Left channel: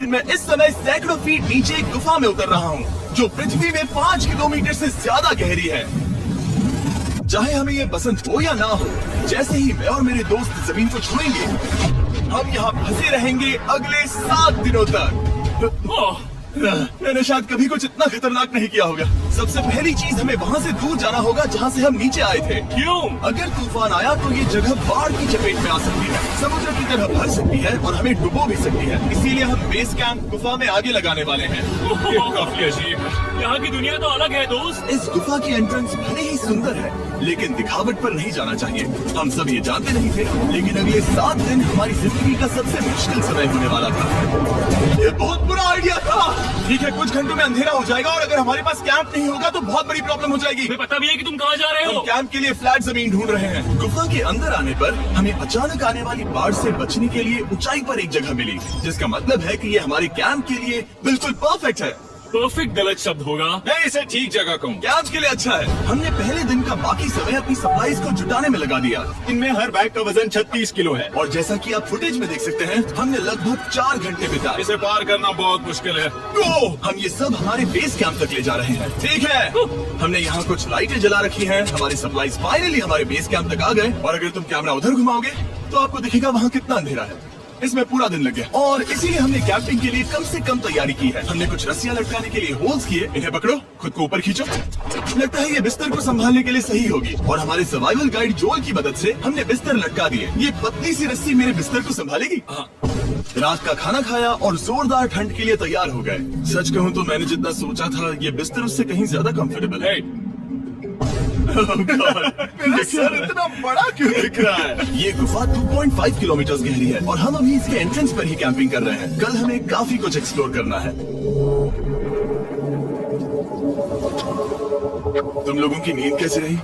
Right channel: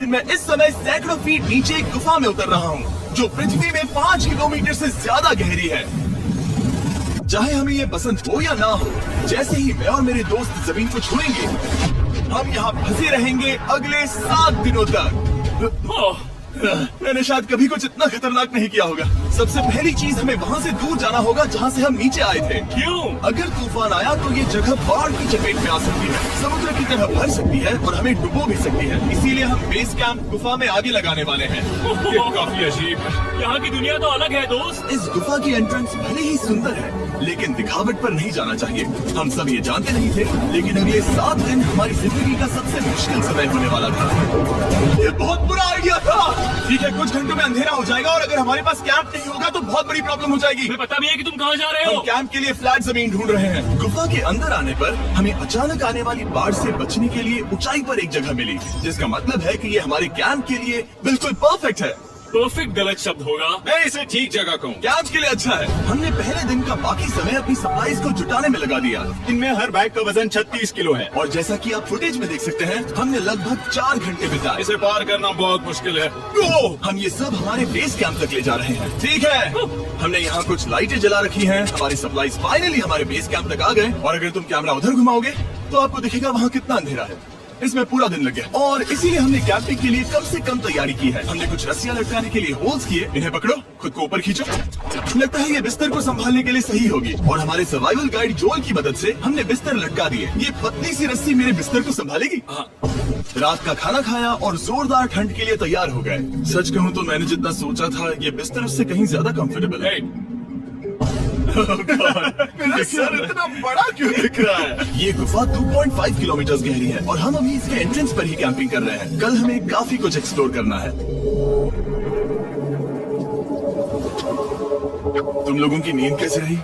मैं इस समय सैकड़ों फीट नीचे एक गुफा में उतर रहा हूँ जो पृथ्वी में 5 किलोमीटर से ज्यादा गहरी है। चाहे हमें ये पसंद हो या ना हो, जैसे ही मैं और मेरे दोस्त जमीन को छुएंगे हम यहाँ फंसे रहेंगे अगले 7 दिनों तक। मैंने शायद कभी कुछ इतना खतरनाक नहीं किया होगा। सबसे पहली चीज हमें वहाँ से दूर जाना होगा जहाँ से हम नीचे आए थे। क्यों? अगर तूफान आया तो ये जगह बाढ़ की चपेट में आ सकती है, समुद्र की तरह भर सकती है और हमें डुबो भी सकती है। इसीलिए हम बेस कैंप गुफा में आगे लगाने वाले हैं। काफी अजीब है। यहाँ की दुनिया तो अलग है दोस्त। इस गुफा की एंट्रेंस भले ही सुंदर है, लेकिन दिखावट पर नहीं जाना चाहिए। हम सब ये जानते नहीं थे, लेकिन अगले 7 दिन हमारी जिंदगी का सबसे मुश्किल समय होने वाला था। ये बहुत बुरा आइडिया था। ठीक है, कुछ घंटों में अंधेरा हो जाएगा और अगर हमारे पास कैंप नहीं होगा तो बहुत बड़ी प्रॉब्लम हो जाएगी। हमें पता भी है कि तुम कहाँ जा रहे हो। हम कैंप के लिए फ्लैट जमीन ढूंढ रहे हैं। गुफा के अंदर आने पर हमें अचानक आने वाली बाढ़ से बचने के लिए ऊंचाई पर एक जगह मिली, जिसका मतलब है कि ये हमारे कैंप के लिए बिल्कुल परफेक्ट है। परफेक्ट गलत शब्द होगा। मैं इसे ठीक जगह कहूँ। कैंप के लिए अच्छा है। हमने पहले दिन का बाकी समय अपनी सप्लाईज को जुटाने में लगा दिया। इनमें हर बैग का वजन 36 किलो है। और जैसा कि आप फुटेज में देख सकते हैं, हमने लगभग 4 घंटे बिताए। इसे पार करना बहुत मुश्किल है। हम ये सब हमारे बेस कैंप तक ले जा रहे हैं। ठीक है, हमने यहाँ कुछ लाइटें जला रखी हैं। हमारे सप्लाईज फाइनली हमारे बेस कैंप तक आ गए। और अगर तुम कैमरा उधर घुमाओगे तो आपको दिखेगा वहाँ कितना अंधेरा है। इसमें पूरा दिन लग गया और इसीलिए हमने कैंपिंग के लिए कम से कम तैयारी की है। हमने कुछ रस्सियां लटकाने के लिए होल्स किए। इन्हें पकड़ो, खुद को ऊपर खींचो। लगता है ये बिस्तर को संभालने के लिए सही होगी। और हमारे सर्वाइवल गाइड जोल की मदद से हमने बिस्तर लटका दिए। ये पतली सी रस्सी मेरे बिस्तर को संभालेगी। रात का खाना खाया और जोरदार ठंड के लिए तैयार हो गए। सच कहूँ तो मैंने जितना सोचा था ये बिस्तर उससे कहीं ज्यादा कंफर्टेबल है। मेरा सर इतना बड़ा क्यों दिख रहा है? ये गुफा 2.5 किलोमीटर गहरी है और हम अभी इसके एंट्रेंस पर ही कैंपिंग कर रहे हैं। कल हमें काफी कुछ एक्सप्लोर करना है। तुम लोगों की नींद कैसी रही?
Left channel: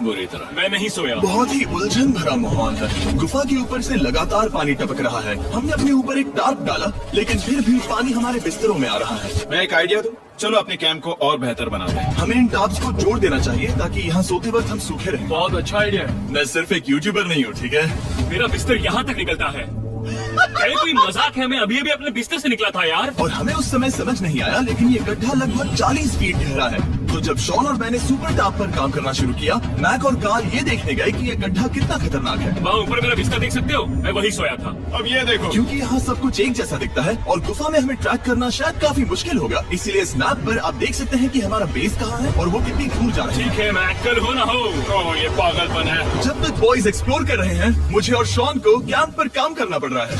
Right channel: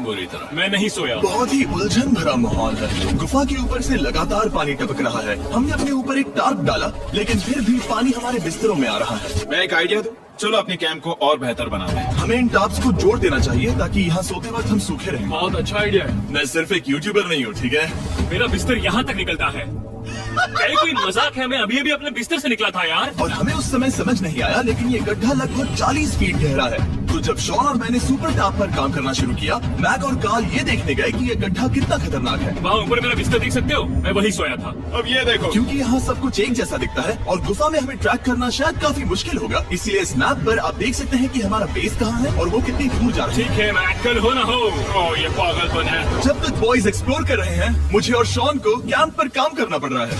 बुरी तरह। मैं नहीं सोया। बहुत ही उलझन भरा माहौल है। गुफा के ऊपर से लगातार पानी टपक रहा है। हमने अपने ऊपर एक टार्प डाला, लेकिन फिर भी पानी हमारे बिस्तरों में आ रहा है। मैं एक आइडिया दूं? चलो अपने कैंप को और बेहतर बना दें। हमें इन टार्प्स को जोड़ देना चाहिए ताकि यहाँ सोते वक्त हम सूखे रहें। बहुत अच्छा आइडिया है। मैं सिर्फ एक यूट्यूबर नहीं हूँ, ठीक है? मेरा बिस्तर यहाँ तक निकलता है। क्या कोई मजाक है? मैं अभी अपने बिस्तर से निकला था यार। और हमें उस समय समझ नहीं आया, लेकिन ये गड्ढा लगभग 40 फीट गहरा है। तो जब शॉन और मैंने सुपर टाप पर काम करना शुरू किया, मैक और कार्ल ये देखने गए कि ये गड्ढा कितना खतरनाक है। वहाँ ऊपर मेरा बिस्तर देख सकते हो? मैं वही सोया था। अब ये देखो, क्योंकि यहाँ सब कुछ एक जैसा दिखता है और गुफा में हमें ट्रैक करना शायद काफी मुश्किल होगा, इसीलिए इस मैप पर आप देख सकते हैं कि हमारा बेस कहाँ है और वो कितनी दूर जा रहा है। ठीक है, मैं कल हो ना हो। ये पागलपन है। जब तक बॉयज एक्सप्लोर कर रहे हैं, मुझे और शॉन को कैंप पर काम करना पड़ रहा है।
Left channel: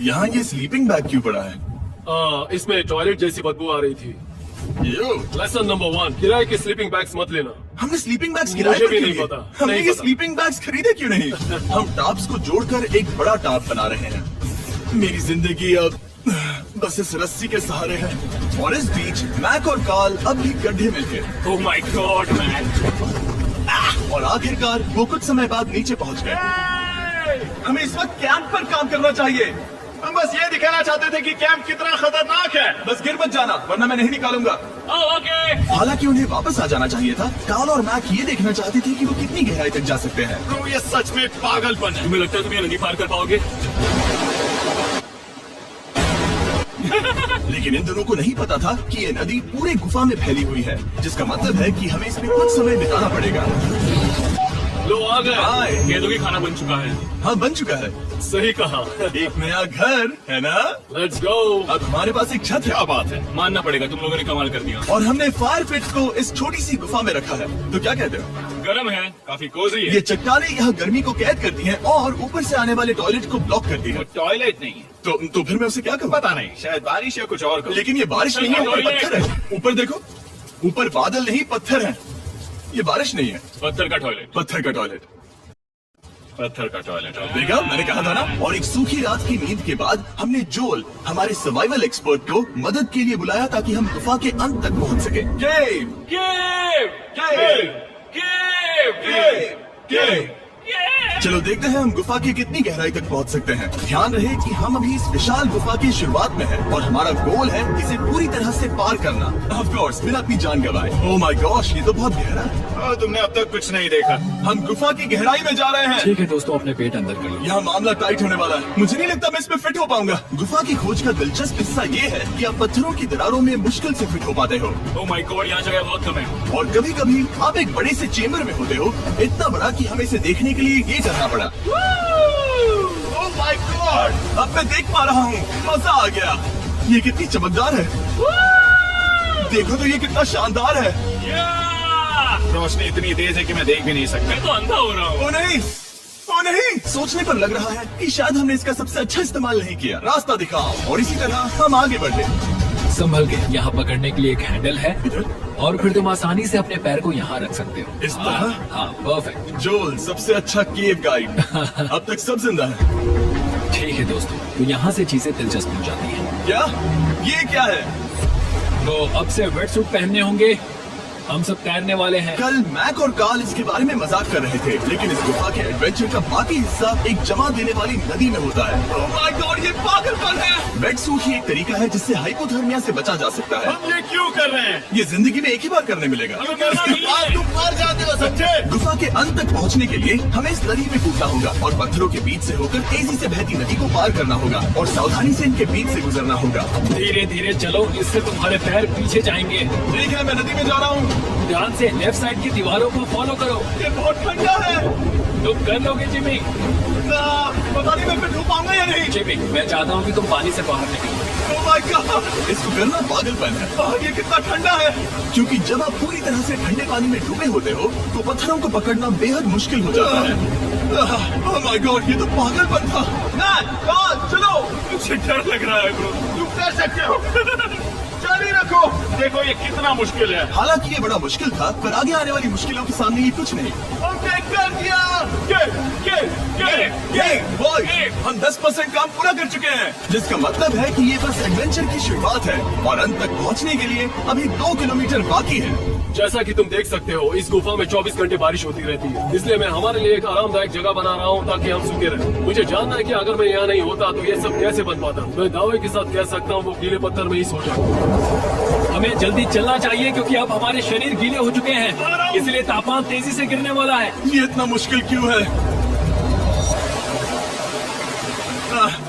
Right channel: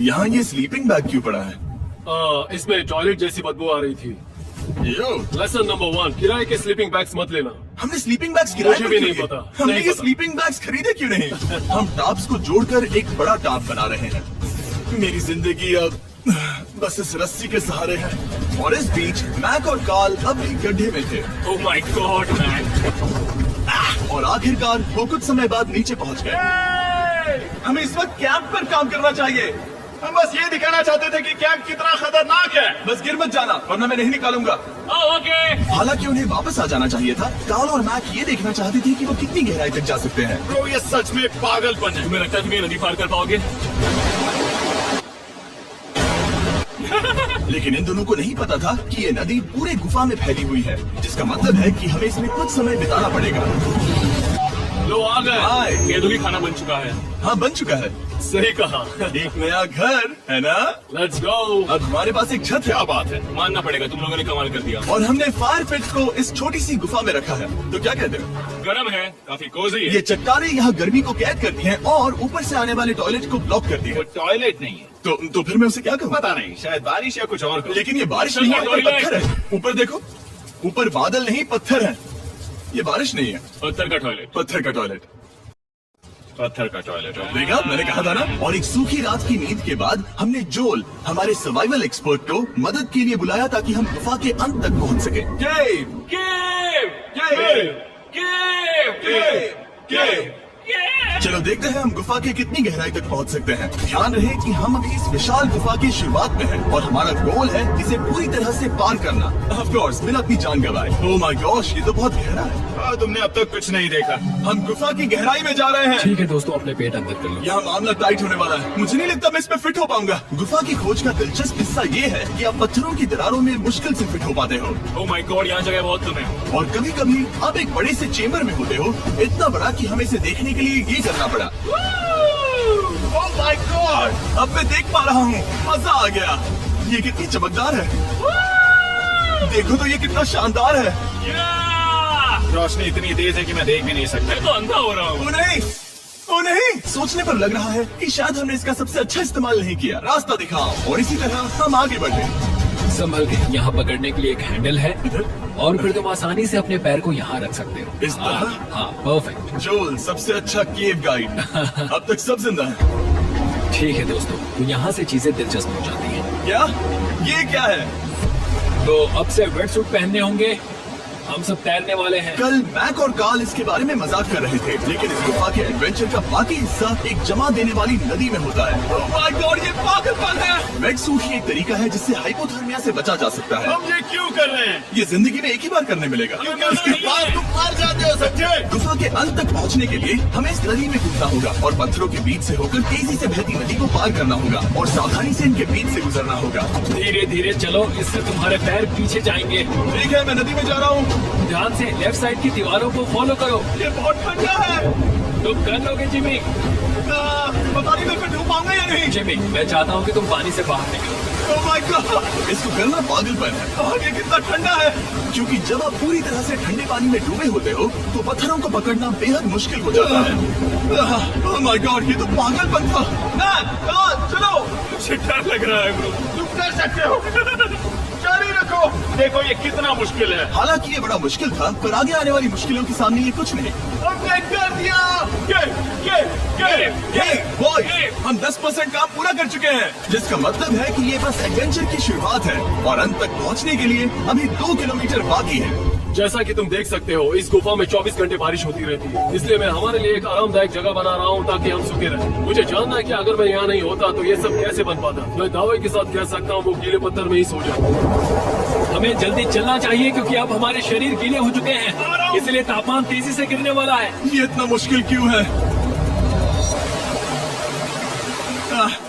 यहाँ ये स्लीपिंग बैग क्यों पड़ा है? इसमें टॉयलेट जैसी बदबू आ रही थी। लेसन नंबर 1, किराए के स्लीपिंग बैग्स मत लेना। हमने स्लीपिंग बैग्स किराए मुझे पर भी क्यों नहीं लिए? पता। हमने नहीं ये पता। स्लीपिंग बैग्स खरीदे क्यों नहीं? हम टाप्स को जोड़कर एक बड़ा टाप बना रहे हैं। मेरी जिंदगी अब बस इस रस्सी के सहारे है। और इस बीच मैक और कार्ल अब भी गड्ढे में थे। Oh my God man. और आखिरकार वो कुछ समय बाद नीचे पहुंच गए। हमें इस वक्त कैंप पर काम करना चाहिए। हम बस ये दिखाना चाहते थे कि कैंप कितना खतरनाक है। बस गिर मत जाना, वरना मैं नहीं निकालूंगा। ओके। हालांकि उन्हें वापस आ जाना चाहिए था। कार्ल और मैक ये देखना चाहते थे कि वो कितनी गहराई तक जा सकते हैं। तो ये सच में पागलपन है। तुम्हें लगता है तुम ये नदी पार कर पाओगे? लेकिन इन दोनों को नहीं पता था कि ये नदी पूरे गुफा में फैली हुई है, जिसका मतलब है कि हमें इसमें कुछ समय बिताना पड़ेगा। लो आ गए। हाय। कैदों की खाना बन चुका है। हाँ, बन चुका है। सही कहा। एक नया घर है ना? Let's go. अब हमारे पास एक छत है। क्या बात है। मानना पड़ेगा, तुम लोगों ने कमाल कर दिया। और हमने फायर पिट को इस छोटी सी गुफा में रखा है। तो क्या कहते हो? गर्म है, काफी कोजी है। ये चट्टानें यहाँ गर्मी को कैद करती हैं और ऊपर से आने वाले टॉयलेट को ब्लॉक करती है। टॉयलेट नहीं है। तो फिर मैं उसे क्या करूँ? पता नहीं, शायद बारिश या कुछ और करो। लेकिन ये बारिश नहीं है, ये पत्थर है। ऊपर देखो, ऊपर बादल नहीं पत्थर है। ये बारिश नहीं है, पत्थर का टॉयलेट। पत्थर का टॉयलेट। पत्थर का टॉयलेट। देखा, मैंने कहा था ना। और एक सूखी रात की नींद के बाद हमने जोल, हमारे सर्वाइवल एक्सपर्ट को मदद के लिए बुलाया ताकि हम गुफा के अंत तक पहुंच सके। केव, केव, केव, केव, केव, केव। केव। चलो देखते हैं हम गुफा के कितनी गहराई तक पहुंच सकते हैं। ध्यान रहे कि हम अभी इस विशाल गुफा की शुरुआत में हैं और हमारा गोल है इसे पूरी तरह से पार करना। ऑफ कोर्स बिना अपनी जान गंवाए। ओह माय गॉश, ये तो बहुत गहरा है। तुमने अब तक कुछ नहीं देखा। हम गुफा की गहराई में जा रहे हैं। ठीक है दोस्तों, अपने पेट अंदर कर लो। यहाँ मामला टाइट होने वाला है। मुझे नहीं लगता मैं इसमें फिट हो पाऊंगा। गुफा की खोज का दिलचस्प हिस्सा ये है कि आप पत्थरों की दरारों में मुश्किल से फिट हो पाते हो ओह माय गॉड, यहाँ जगह बहुत कम है। और कभी कभी आप एक बड़े से चेम्बर में होते हो, इतना बड़ा कि हमें इसे देखने के लिए ये करना पड़ा। ओह माय गॉड, अब मैं देख पा रहा हूँ, मजा आ गया। ये कितनी चमकदार है, देखो तो ये कितना शानदार है। रोशनी इतनी तेज है कि मैं देख भी नहीं सकता। मैं तो अंधा हो रहा हूँ। ओ नहीं, ओ नहीं, सोचने पर लग रहा है कि शायद हमने इसका सबसे अच्छा इस्तेमाल नहीं किया। रास्ता दिखाओ और इसी तरह हम आगे बढ़े। संभल के, यहाँ पकड़ने के लिए एक हैंडल है और फिर तुम आसानी से अपने पैर को यहाँ रख सकते हो। इस तरह? हाँ, परफेक्ट। जोल सबसे अच्छा केव गाइड। अब तक सब जिंदा है। ठीक है दोस्तों, तो यहाँ से चीजें दिलचस्प हो जाती हैं। क्या? ये क्या है? तो अब से वेट सूट पहनने होंगे, हम सब तैरने वाले हैं। कल मैक और कार्ल इसके बारे में मजाक कर रहे थे, लेकिन इस गुफा के एडवेंचर का बाकी हिस्सा एक जमा देने वाली नदी में होता है। ओह माय गॉड, ये पागलपन है। वेट सूट ही एक तरीका है जिससे हाइपोथर्मिया से बचा जा सकता है। हम ये क्यों कर रहे हैं? ये जिंदगी में एक ही बार करने मिलेगा। इसके बाद तुम मर जाते हो, समझे? गुफा के अंत तक पहुंचने के लिए हमें इस नदी में कूदना होगा और पत्थरों के बीच से होकर तेजी से बहती नदी को पार करना होगा और सावधानी से इनके बीच से गुजरना होगा। धीरे धीरे चलो, इससे तुम्हारे पैर पीछे जाएंगे। ठीक है, मैं नदी में जा रहा हूँ। ध्यान से लेफ्ट साइड की दीवारों को फॉलो करो। ये बहुत ठंडा है। तुम कर लोगे जिमी। पता नहीं मैं फिर डूब पाऊंगा या नहीं। जिमी, मैं चाहता हूँ कि तुम पानी से बाहर निकलो। ओह माय गॉड, इसको करना पागलपन है। ये कितना ठंडा है, क्योंकि जब आप पूरी तरह से ठंडे पानी में डूबे होते हो तो पत्थरों को पकड़ना बेहद मुश्किल हो जाता है। ओह माय गॉड, ये तो पागलपन था। मैक, कार्ल, चलो। मुझे डर लग रहा है। तुम कर सकते हो। जारी रखो। देखो ये कितना मुश्किल है। हालांकि ये बड़ा मुश्किल था, पर आगे आने वाली मुश्किलों के सामने ये कुछ नहीं। हमने कर दिया। ये बॉय, हम 10% काम पूरा कर चुके हैं, जिसका मतलब है कि ये बस एडवेंचर की शुरुआत है और अंत तक पहुंचने के लिए अभी 2 किलोमीटर बाकी है। जैसा कि तुम देख सकते हो, इस गुफा में 24 घंटे बारिश होती रहती है, इसलिए मैं हमारे लिए एक आरामदायक जगह बना रहा हूँ ताकि हम सूखे रहें। मुझे जानना है कि अगर मैं यहाँ नहीं होता तो ये सब कैसे बन पाता। मैं दावे के साथ कह सकता हूँ वो गीले पत्थर में ही सो जाऊँ। हमें जल्दी चलना चाहिए क्योंकि अब हमारे शरीर गीले हो चुके हैं, इसलिए तापमान तेजी से गिरने वाला है। ये इतना मुश्किल क्यों है?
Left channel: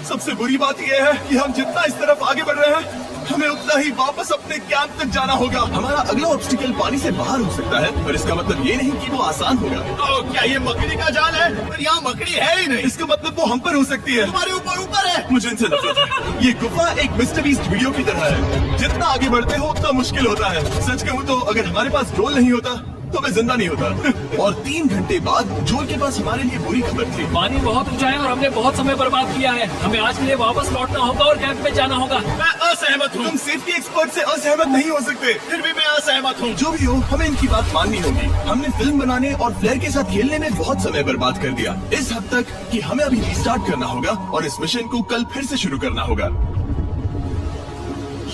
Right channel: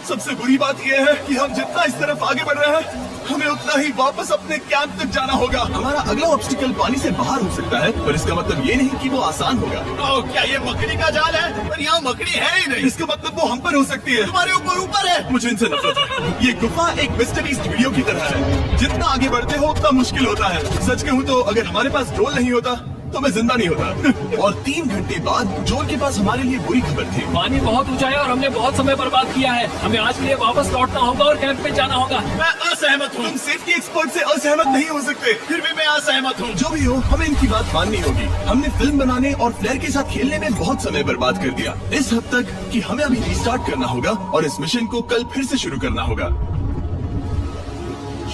सबसे बुरी बात यह है कि हम जितना इस तरफ आगे बढ़ रहे हैं हमें उतना ही वापस अपने कैंप तक जाना होगा। हमारा अगला ऑब्स्टिकल पानी से बाहर हो सकता है, पर इसका मतलब ये नहीं कि वो आसान होगा। क्या ये मकड़ी का जाल है? पर यहाँ मकड़ी है ही नहीं। इसका मतलब वो हम पर हो सकती है। तुम्हारे ऊपर है। मुझे इनसे नफरत है। ये गुफा एक मिस्टरीज वीडियो की तरह है, जितना आगे बढ़ते हो उतना मुश्किल होता है। सच कहूँ तो अगर हमारे पास ड्रोन नहीं होता तो मैं जिंदा नहीं होता। और 3 घंटे बाद जोल के पास हमारे लिए बुरी खबर थी। पानी बहुत ऊंचा है और हमने बहुत समय बर्बाद किया है। हमें आज के लिए वापस लौटना होगा और कैंप में जाना होगा। मैं असहमत हूँ। तुम सेफ्टी एक्सपर्ट से असहमत नहीं हो सकते। फिर भी मैं असहमत हूँ। जो भी हो, हमें इनकी बात माननी होगी। हमने फिल्म बनाने और फ्लेयर के साथ खेलने में बहुत समय बर्बाद कर दिया, इस हद तक कि हमें अभी रिस्टार्ट करना होगा और इस मिशन को कल फिर से शुरू करना होगा।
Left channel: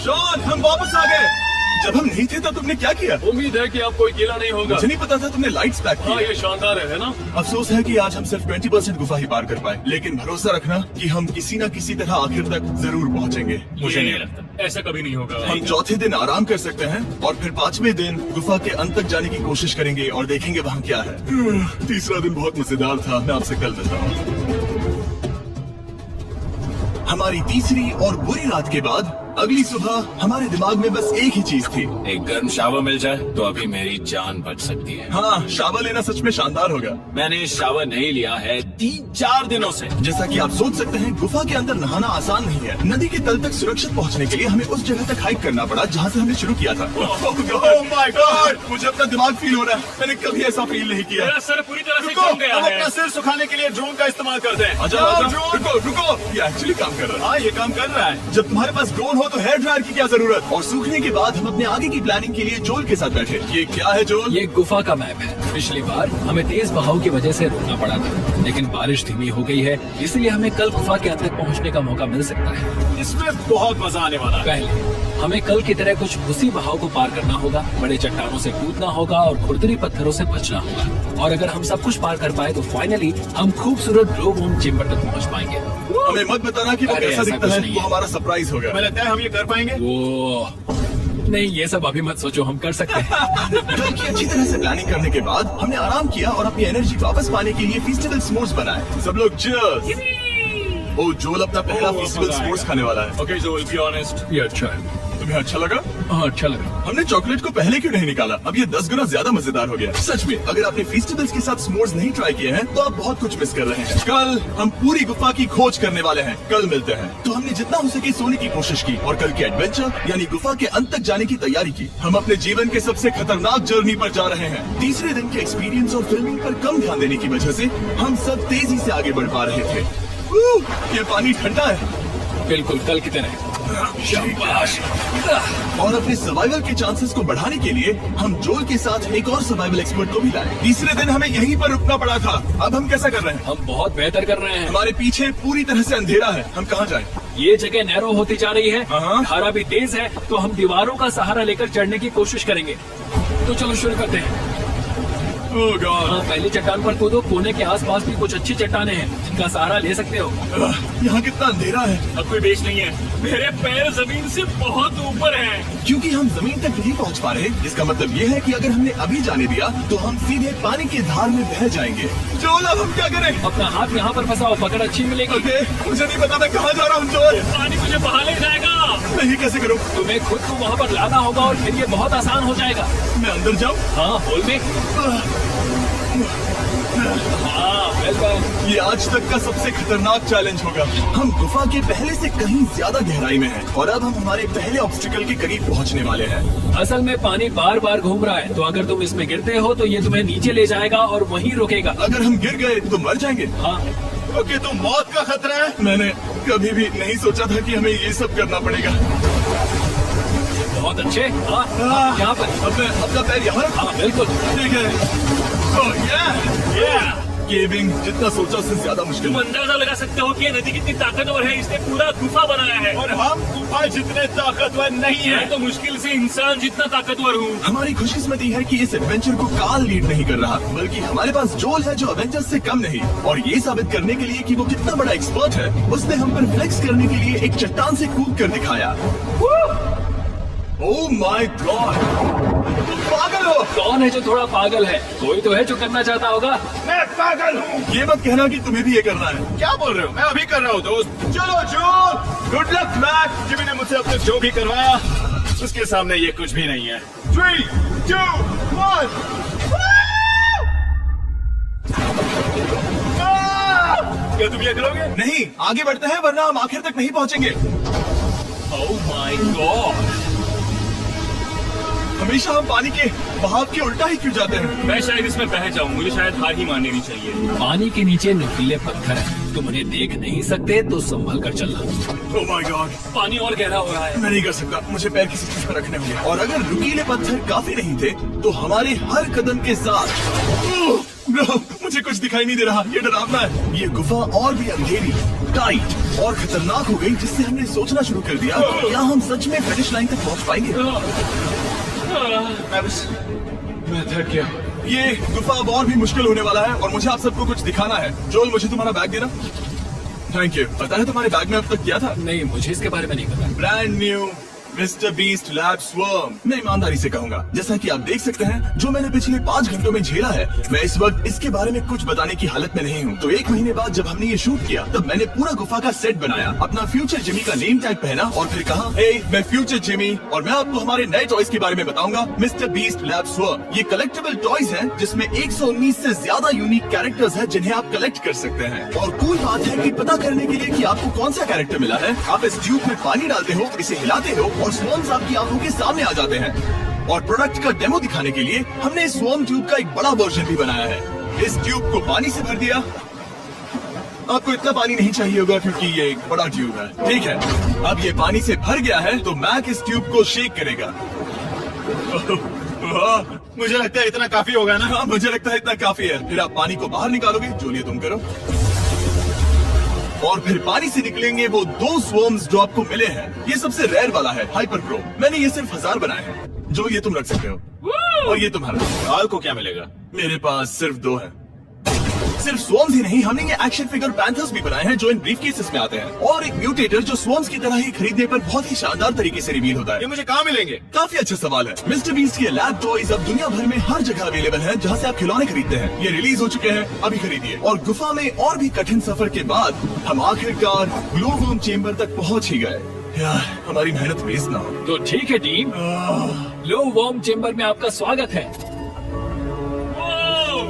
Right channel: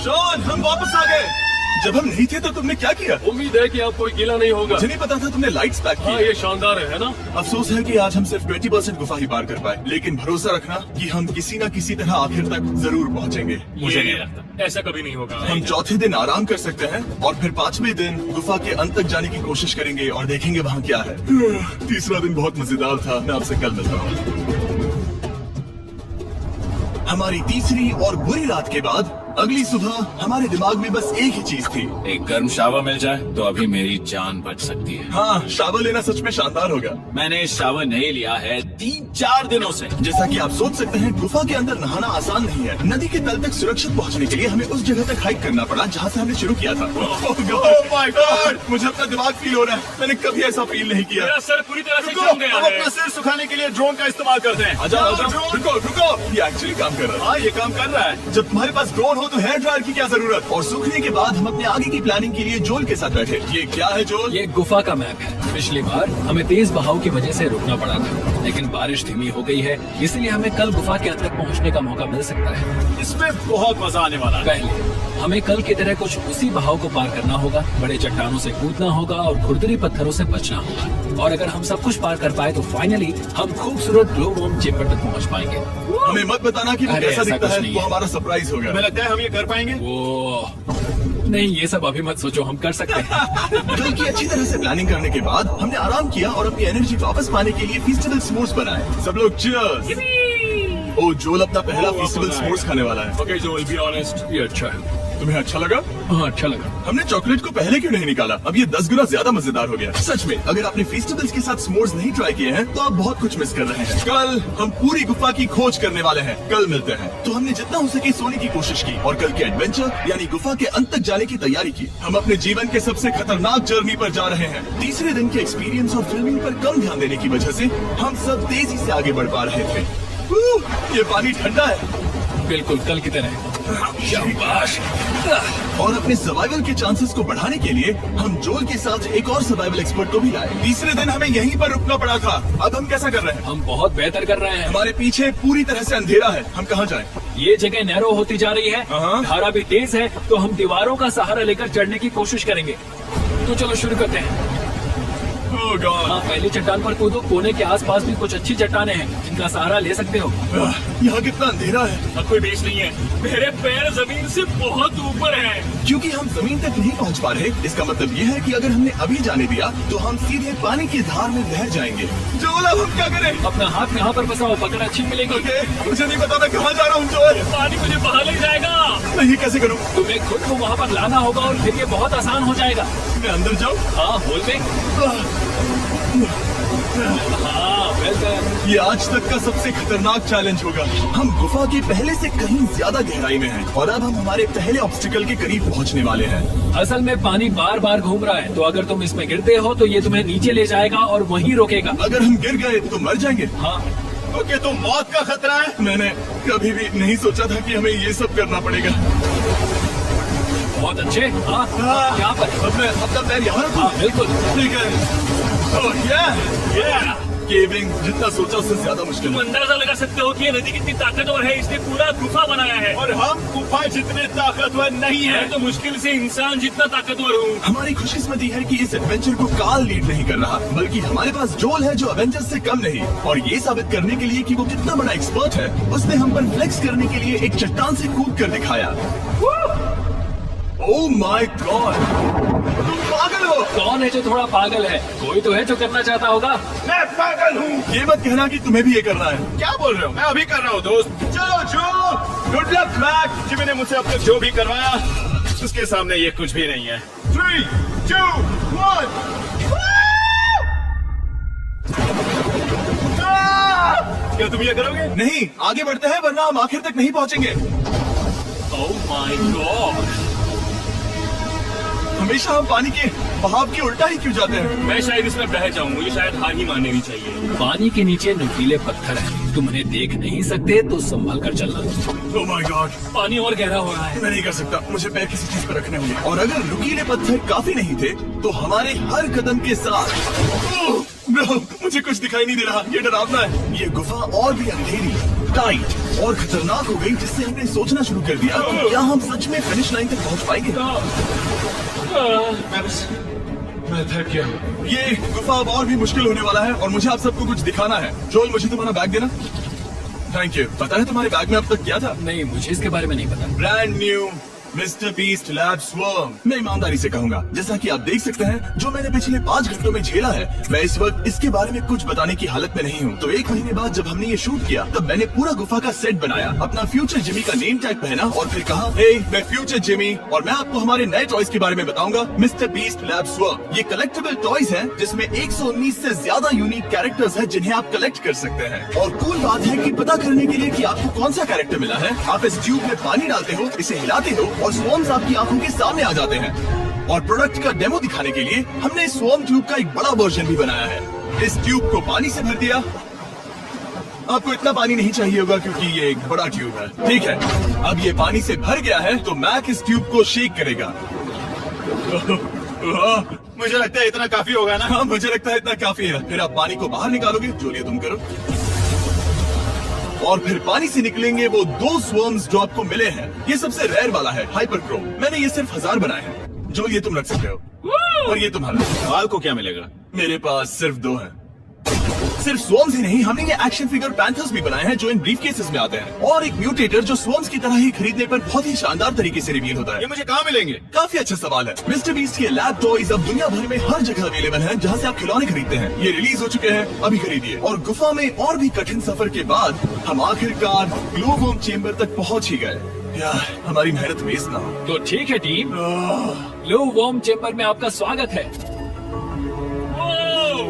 शॉन, हम वापस आ गए। जब हम नहीं थे तो तुमने क्या किया? उम्मीद है कि आप कोई गीला नहीं होगा। मुझे नहीं पता था तुमने लाइट्स पैक हाँ, की। ये शानदार है ना? अफसोस है कि आज हम सिर्फ 20% गुफा ही पार कर पाए, लेकिन भरोसा रखना कि हम किसी न किसी तरह आखिर तक जरूर पहुंचेंगे। मुझे नहीं लगता ऐसा कभी नहीं होगा। हम चौथे दिन आराम कर सकते हैं और फिर 5वें दिन गुफा के अंत तक जाने की कोशिश करेंगे और देखेंगे वहाँ क्या है। तीसरा दिन बहुत मजेदार था। मैं आपसे कल मिलता हूँ। हमारी तीसरी और बुरी रात के बाद अगली सुबह हमारे दिमाग में बस एक ही चीज थी। एक गर्म शावर मिल जाए तो अभी मेरी जान बच सकती है। हाँ, शावर लेना सच में शानदार होगा। मैंने शावर नहीं लिया है 3-4 दिनों से। जैसा कि आप सोच सकते हैं, गुफा के अंदर नहाना आसान नहीं है। नदी के तल तक सुरक्षित पहुंचने के लिए हमें उस जगह तक हाइक करना पड़ा जहां से हमने शुरू किया था। Oh my God! मुझे अपना दिमाग फील हो रहा है। मैंने कभी ऐसा फील नहीं किया। मेरा सर पूरी तरह से रुको, जल गया अब है। अपना सिर सुखाने के लिए ड्रोन का इस्तेमाल करते हैं। रुको, ये एक्चुअली काम कर रहा है। हाँ, ये काम कर रहा है। जब तुम्हारे पास ड्रोन हो तो हेयर ड्रायर की क्या जरूरत। और सूखने के बाद हम अपने आगे की प्लानिंग के लिए जोल के साथ बैठे। ये क्या है जोल? ये गुफा का मैप है। पिछली बार हमें तेज बहाव की वजह से रुकना पड़ा था, लेकिन बारिश धीमी हो गई है, इसलिए हमें कल गुफा के अंदर पहुंचने का मौका मिल सकता है। इसमें बहुत मजा आने वाला है। पहले हमें कल की तरह कुछ उसी बहाव को पार करना होगा, बड़े चट्टानों से कूदना होगा और खुरदरी पत्थरों से बचना होगा। और अगर हम सब कुछ पार कर पाए तो फाइनली हम खूबसूरत ग्लो वॉर्म चेम्बर तक पहुंच पाएंगे। हमें मत बताना कि वो अरे, कैसा ऐसा दिखता कुछ है। नहीं वो है। हमारा सरप्राइज होगा। हमें लगता है हम ये कर पाएंगे। वो नहीं, ये सब अभी मत सोचो, हम कर सकते हैं। कल की अच्छी तरह से प्लानिंग करने के बाद हमने आराम किया और अपनी एनर्जी वापस पाने के लिए फेस्टिवल स्पोर्ट्स बनाए। सब लोग cheers! ओ जोल अपना पहला फेस्टिवल स्पोर्ट्स खाने वाला है। Okay, Joel, be honest. ये अच्छा है। तुम्हें अच्छा लगा? हाँ, अच्छा लगा। हमने चॉकलेट को पहले क्यों नहीं निकाला? अब ये 10 गुना ज्यादा मजेदार हो गया। सच में, अगर आपने फेस्टिवल्स के साथ स्पोर्ट्स नहीं ट्राई किए हैं तो आप बहुत कुछ मिस कर रहे हैं। कल हम पूरी गुफा की खोज करने वाले हैं। कल मिलते हैं। तो हमने जितना हो सके सोने की कोशिश की और कल के एडवेंचर यानी गुफा के अंत तक जाने की तैयारी की। हम अपने जीवन के सबसे खतरनाक जर्नी पर जा रहे हैं। तीसरे दिन के एक्सपीरियंस और फिल्मिंग पर कम ध्यान देने की वजह से हम सब तेजी से आगे बढ़ पा रहे थे। ये पानी ठंडा है। बिल्कुल कल की तरह। शाबाश। और अपने सर्वाइवल के चांसेस को बढ़ाने के लिए हम जोल के साथ एक और सर्वाइवल एक्सपर्ट को भी लाए। तीसरे दिन हमें यहीं पर रुकना पड़ा था। अब हम कैसा कर रहे हैं? हम बहुत बेहतर कर रहे हैं। हमारे पीछे पूरी तरह से अंधेरा है। हम कहाँ जाएं? ये जगह नैरो होती जा रही है, हाँ। धारा भी तेज है, तो हम दीवारों का सहारा लेकर चढ़ने की कोशिश करेंगे। तो चलो शुरू करते हैं। ओह गॉड। हाँ, पहली चट्टान पर कूदो। कोने के आसपास भी कुछ अच्छी चट्टानें हैं जिनका सहारा ले सकते हो। यहाँ कितना अंधेरा है। अब कोई बेच नहीं है। मेरे पैर जमीन से बहुत ऊपर हैं। क्योंकि हम जमीन तक नहीं पहुँच पा रहे, इसका मतलब ये है कि अगर हमने अभी जाने दिया तो हम सीधे पानी की धार में बह जाएंगे। जोल, अब हम क्या करें? अपना हाथ यहाँ पर फंसाओ, पकड़ अच्छी मिलेगी। ओके, मुझे नहीं पता मैं कहाँ जा रहा हूँ जोल। पानी मुझे बहा ले जाएगा। मैं ये कैसे करूँ? तुम्हें खुद को वहाँ पर लाना होगा और फिर ये बहुत आसान हो जाएगा। मैं अंदर जाऊँ? हाँ, होल में। हाँ, वेल ये आज तक का सबसे खतरनाक चैलेंज होगा। हम गुफा के पहले से कहीं ज्यादा गहराई में हैं और अब हम हमारे पहले ऑब्स्टिकल के करीब पहुंचने वाले हैं। असल में पानी बार बार घूम रहा है, तो अगर तुम इसमें गिरते हो तो ये तुम्हें नीचे ले जाएगा और वहीं रोकेगा। अगर हम गिर गए तो मर जाएंगे। हाँ, ओके, तो मौत का खतरा है। मैंने कभी भी नहीं सोचा था कि हमें ये सब करना पड़ेगा। बहुत अच्छे। हाँ, यहाँ पर। अब मैं अपना पैर यहाँ रखूँ? हाँ, बिल्कुल। ठीक है। ओह, yeah! केविंग जितना सोचा उससे ज्यादा मुश्किल तुम है। अंदाजा लगा सकते हो कि ये नदी कितनी ताकतवर है। इसने पूरा गुफा बनाया है। और हम गुफा जितने ताकतवर नहीं है। मैं तो मुश्किल से इंसान जितना ताकतवर हूँ। हमारी खुशकिस्मती है कि इस एडवेंचर को काल लीड नहीं कर रहा, बल्कि हमारे पास जोल है जो एवेंजर्स से कम नहीं। और ये साबित करने के लिए कि वो कितना बड़ा एक्सपर्ट है, उसने हम पर फ्लेक्स करने के लिए एक चट्टान से कूद कर दिखाया। ओह माय गॉड, पागल हो। कौन है जो थोड़ा पागल है? कोई तो है जो करना चाहता होगा। मैं पागल हूँ। ये मत कहना कि तुम्हें भी ये करना है। क्या बोल रहे हो? मैं अभी कर रहा हूँ दोस्त। चलो जो, गुड लक क्रैक। जिमी ने मुझसे अब तक जो भी करवाया उसके सामने ये कुछ भी नहीं है। 3, 2, 1। क्या तुम ये करोगे? नहीं, आगे बढ़ते हैं वरना हम आखिर तक नहीं पहुंचेंगे। Oh my God. हमेशा हम पानी के बहाव के उल्टा ही क्यों जाते हैं? मैं शायद इसमें बह जाऊँ। मुझे शायद हार ही मान लेनी चाहिए। पानी के नीचे नुकीले पत्थर हैं। तुम उन्हें देख नहीं सकते तो संभल कर चलना। ओह माय गॉड, पानी और गहरा हो रहा है। मैं नहीं कर सकता। मुझे पैर किसी चीज पर रखने होंगे। और अगर नुकीले पत्थर काफी नहीं थे तो हमारे हर कदम के साथ No, मुझे कुछ दिखाई नहीं दे रहा। ये डरावना है। ये गुफा और भी अंधेरी, टाइट और खतरनाक हो गई, जिससे हमने सोचना शुरू कर दिया कि क्या हम सच में फिनिश लाइन तक पहुंच पाएंगे। मैं थक गया। ये गुफा अब और भी मुश्किल होने वाला है और मुझे आप सबको कुछ दिखाना है। जोल, मुझे तुम्हारा बैग देना। Thank you. पता है तुम्हारे बैग में अब तक क्या था? नहीं, मुझे इसके बारे में नहीं पता। Brand new mister beast lab swarm. मैं ईमानदारी से कहूंगा, जैसा कि आप देख सकते हैं, जो मैंने पिछले 5 घंटों में झेला है, मैं इस वक्त इसके बारे में कुछ बताने की हालत में नहीं हूँ। तो 1 महीने बाद जब हमने ये शूट किया, तब मैंने पूरा गुफा का सेट बनाया, अपना फ्यूचर जिमी का नेम टैग पहना और फिर कहा, हे मैं फ्यूचर जिमी और मैं आपको हमारे नए टॉयज के बारे में बताऊंगा, मिस्टर बीस्ट लैब स्वर्म। ये कलेक्टेबल टॉयज हैं, जिसमें 119 से ज्यादा यूनिक कैरेक्टर्स हैं जिन्हें आप कलेक्ट कर सकते हैं। और कूल बात है कि पता करने के लिए कि आपको कौन सा कैरेक्टर मिला है, आप इस ट्यूब में पानी डालते हो, इसे हिलाते हो और स्वर्म्स आपकी आंखों के सामने आ जाते हैं। और प्रोडक्ट का डेमो दिखाने के लिए हमने इस स्वर्म ट्यूब का एक बड़ा वर्जन भी बनाया है। इस ट्यूब को पानी से भर दिया, आपको इतना पानी नहीं चाहिए होगा क्योंकि ये एक बड़ा ट्यूब है। ठीक है, अब ये पानी से भर गया है तो मैक इस ट्यूब को शेक करेगा। मुझे लगता है इतना काफी होगा ना। हाँ, मुझे लगता है इतना काफी है। फिर आप पानी को बाहर निकालोगे, जो लिए तुम करो, और फिर पानी से निकलेंगे वो 2 स्वर्म्स जो आपको मिले हैं। ये सबसे रेयर वाला है, हाइपरक्रोम। मैंने ये सिर्फ 1000 बनाए हैं। जो ये तुम रख सकते हो, और ये तुम्हारा। काल को क्या मिलेगा? मेरे पास सिर्फ 2 है। सिर्फ स्वॉर्म्स ही नहीं, हमने ये एक्शन फिगर पैंथर्स भी बनाए हैं जो इन ब्रीफकेसेस में आते हैं, और एक म्यूटेटर जो स्वॉर्म्स की तरह ही खरीदने पर बहुत ही शानदार तरीके से रिवील होता है। ये मुझे कहाँ मिलेंगे? काफी अच्छा सवाल है। मिस्टर बीस्ट के लैब टॉयज अब दुनिया भर में हर जगह अवेलेबल हैं जहां से आप खिलौने खरीदते हैं। ये रिलीज हो चुके हैं, अभी खरीदिए। और गुफा में और भी कठिन सफर के बाद हम आखिरकार ग्लो वर्म चेम्बर तक पहुंच ही गए। यार, हमारी मेहनत वेस्ट ना हो। तो ठीक है टीम, ग्लो वर्म चेम्बर में आपका स्वागत है।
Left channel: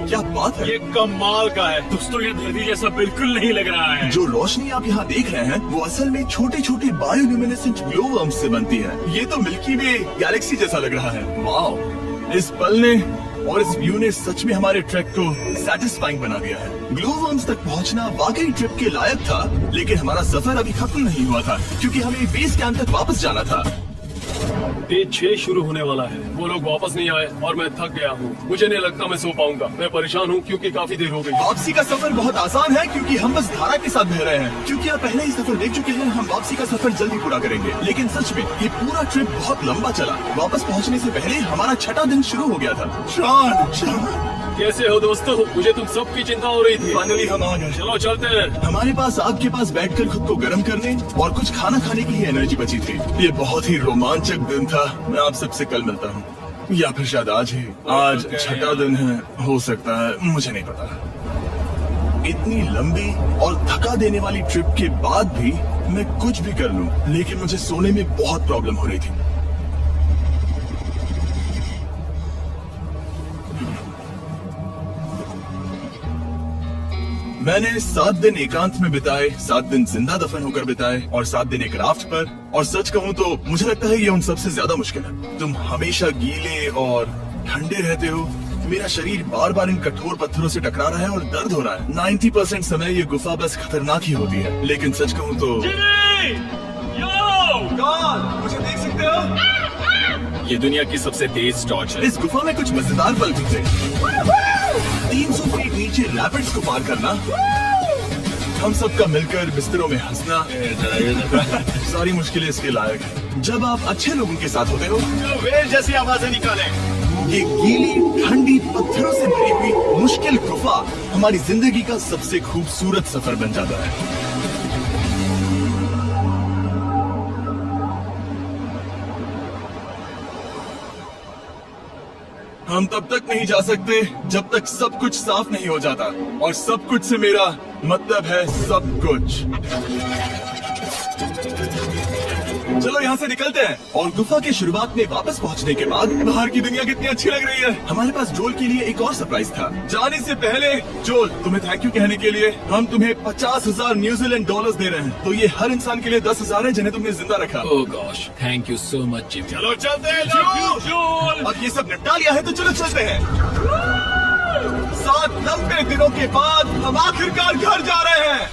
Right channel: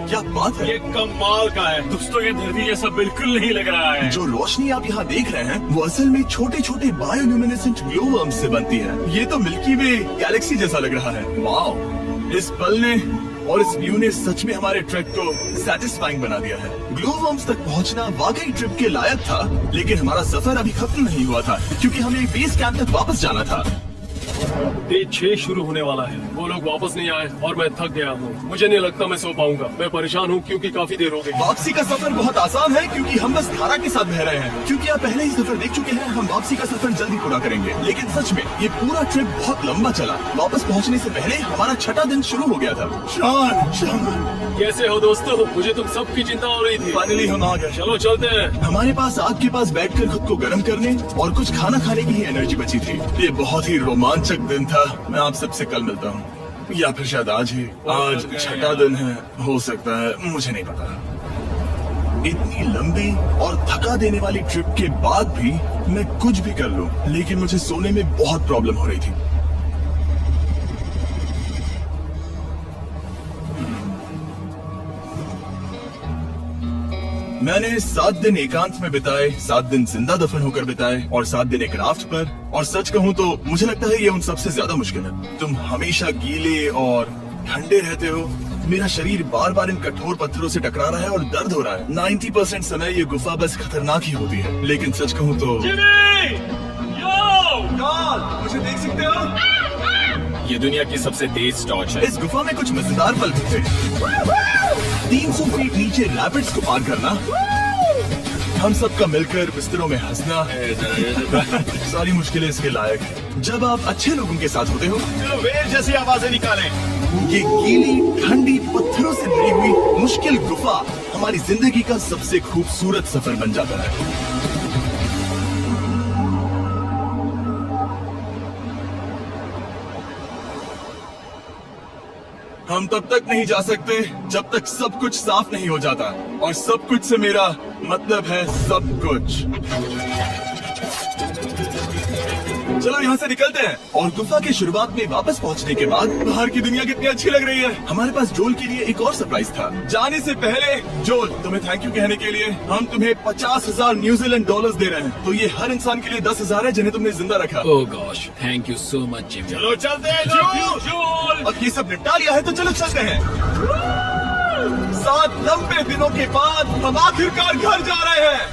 क्या बात है, ये कमाल का है। दोस्तों ये धरती जैसा बिल्कुल नहीं लग रहा है। जो रोशनी आप यहाँ देख रहे हैं वो असल में छोटे छोटे बायोल्यूमिनेसेंट ग्लो वर्म्स से बनती है। ये तो मिल्की वे गैलेक्सी जैसा लग रहा है। वाओ, इस पल ने और इस व्यू ने सच में हमारे ट्रैक को सैटिस्फाइंग बना दिया है। ग्लो वर्म्स तक पहुँचना वाकई ट्रिप के लायक था, लेकिन हमारा सफर अभी खत्म नहीं हुआ था क्योंकि हमें बेस कैंप तक वापस जाना था। डे 6 शुरू होने वाला है। वो लोग वापस नहीं आए और मैं थक गया हूँ। मुझे नहीं लगता मैं सो पाऊंगा। मैं परेशान हूँ क्योंकि काफी देर हो गई। वापसी का सफर बहुत आसान है क्योंकि हम बस धारा के साथ बह रहे हैं। क्योंकि आप पहले ही सफर देख चुके हैं, हम वापसी का सफर जल्दी पूरा करेंगे। लेकिन सच में ये पूरा ट्रिप बहुत लंबा चला। वापस पहुंचने से पहले हमारा 6वां दिन शुरू हो गया था। शॉन, कैसे हो दोस्तों? मुझे तुम सबकी चिंता हो रही थी। फाइनली हम आ गए। चलो चलते हैं। हमारे पास आग के पास बैठकर खुद को गर्म करने और कुछ खाना खाने के लिए एनर्जी बची थी। ये बहुत ही रोमांचक दिन था। मैं आप सबसे कल मिलता हूँ, या फिर शायद आज ही। आज 6वां दिन है, हो सकता है, मुझे नहीं पता। इतनी लंबी और थका देने वाली ट्रिप के बाद भी मैं कुछ भी कर लूं, लेकिन मुझे सोने में बहुत प्रॉब्लम हो रही थी। मैंने 7 दिन एकांत में बिताए, 7 दिन जिंदा दफन होकर बिताए, और 7 दिन एक राफ्ट पर। और सच कहूँ तो मुझे लगता है ये उन सबसे ज्यादा मुश्किल है। तुम हमेशा गीले और ठंडे रहते हो। मेरा शरीर बार बार इन कठोर पत्थरों से टकरा रहा है और दर्द हो रहा है। 90% समय ये गुफा बस खतरनाक ही होती है। लेकिन सच कहूँ तो मुझे देख सकते हो, ये दुनिया की सबसे तेज टॉर्च है। इस गुफा में कुछ मजेदार पल भी थे। 300 फीट नीचे रैपिड्स को पार करना, हम सबका मिलकर बिस्तरों में हंसना, सारी मुश्किलें इसके लायक हैं। जब आप अच्छे लोगों के साथ होते हो, वेल जैसी आवाजें निकालें। ये गीली ठंडी पत्थरों से भरी हुई मुश्किल गुफा हमारी जिंदगी का सबसे खूबसूरत सफर बन जाता है। हम तब तक नहीं जा सकते जब तक सब कुछ साफ नहीं हो जाता, और सब कुछ से मेरा मतलब है सब कुछ। चलो यहाँ से निकलते हैं। और गुफा की शुरुआत में वापस पहुँचने के बाद बाहर की दुनिया कितनी अच्छी लग रही है। हमारे पास जोल के लिए एक और सरप्राइज था। जाने से पहले जोल, तुम्हें थैंक यू कहने के लिए हम तुम्हें 50,000 न्यूजीलैंड डॉलर्स दे रहे हैं। तो ये हर इंसान के लिए 10,000 है जिन्हें तुमने जिंदा रखा। Oh gosh, thank you so much Jim. चलो चलते हैं जोल। अब ये सब निपटा लिया है तो चलो चलते हैं। 7 लंबे दिनों के बाद हम आखिरकार घर जा रहे हैं।